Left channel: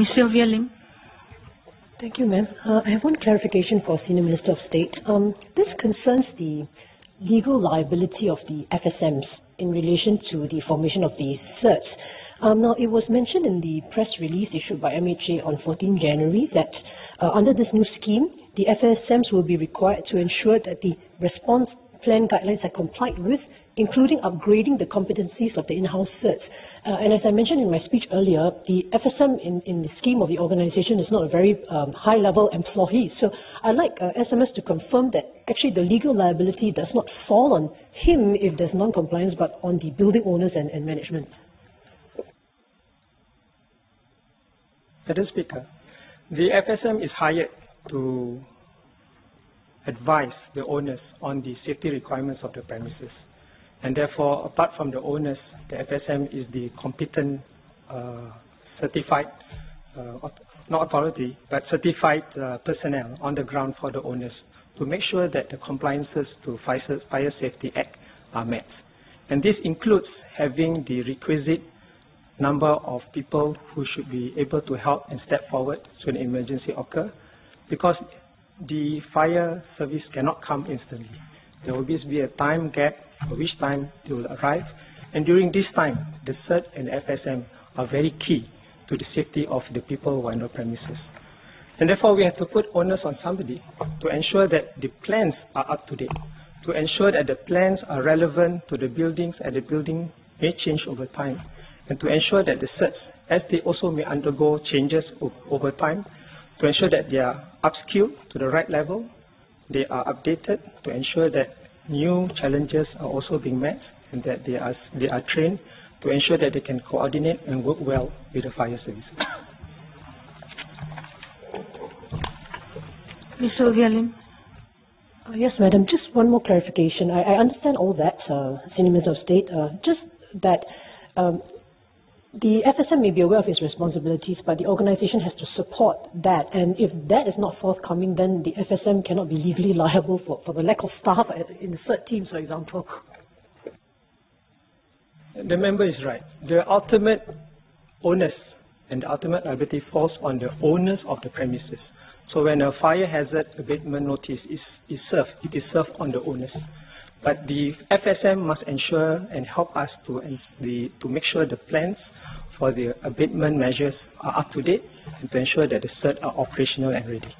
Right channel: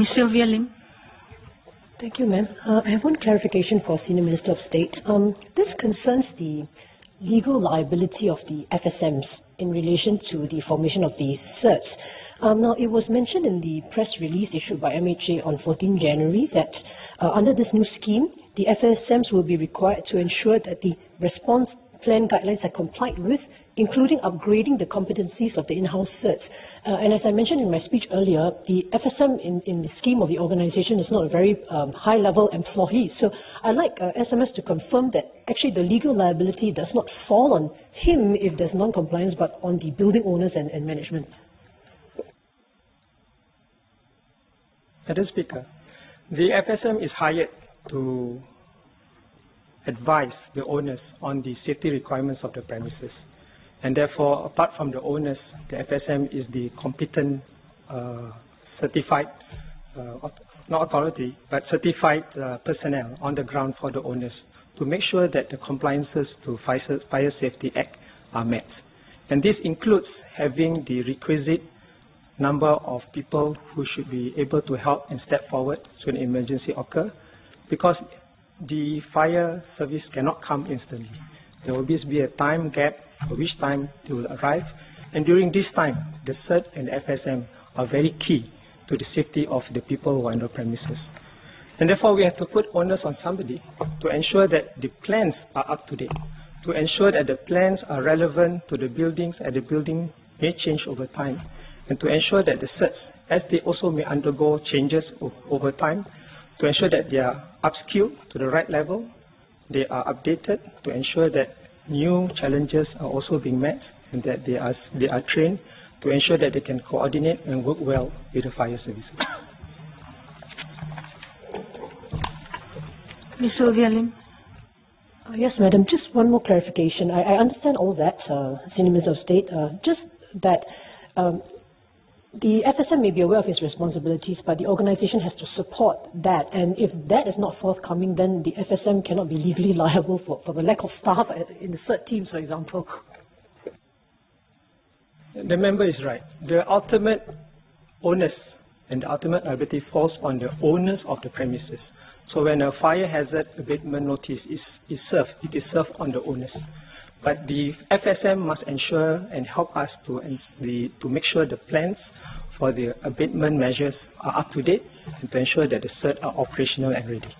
Ms. Sylvia Lim. Thank you, ma'am. I have one clarification for Senior Minister of State. This concerns the legal liability of the FSMs in relation to the formation of the certs. Now, it was mentioned in the press release issued by MHA on 14 January that under this new scheme, the FSMs will be required to ensure that the response plan guidelines are complied with, including upgrading the competencies of the in-house certs. And as I mentioned in my speech earlier, the FSM in the scheme of the organization is not a very high-level employee. So I'd like SMS to confirm that actually the legal liability does not fall on him if there's non-compliance, but on the building owners and management. Madam Speaker, the FSM is hired to advise the owners on the safety requirements of the premises. And therefore, apart from the owners, the FSM is the competent certified, not authority, but certified personnel on the ground for the owners to make sure that the compliances to Fire Safety Act are met. And this includes having the requisite number of people who should be able to help and step forward when an emergency occurs, because the fire service cannot come instantly. There will always be a time gap for which time it will arrive, and during this time, the CERT and FSM are very key to the safety of the people who are on the premises. And therefore, we have to put onus on somebody to ensure that the plans are up to date, to ensure that the plans are relevant to the buildings and the building may change over time, and to ensure that the CERTs, as they also may undergo changes over time, to ensure that they are upskilled to the right level, they are updated to ensure that new challenges are also being met and that they are trained to ensure that they can coordinate and work well with the fire services. Ms. Sylvia Lim. Yes, madam. Just one more clarification. I understand all that, Senior Minister of State. Just that the FSM may be aware of its responsibilities, but the organization has to support that. And if that is not forthcoming, then the FSM cannot be legally liable for the lack of staff in the CERT team, for example. The member is right. The ultimate onus and the ultimate liability falls on the owners of the premises. So when a fire hazard abatement notice is served, it is served on the owners. But the FSM must ensure and help us to make sure the plans for the abatement measures are up to date and to ensure that the CERT are operational and ready.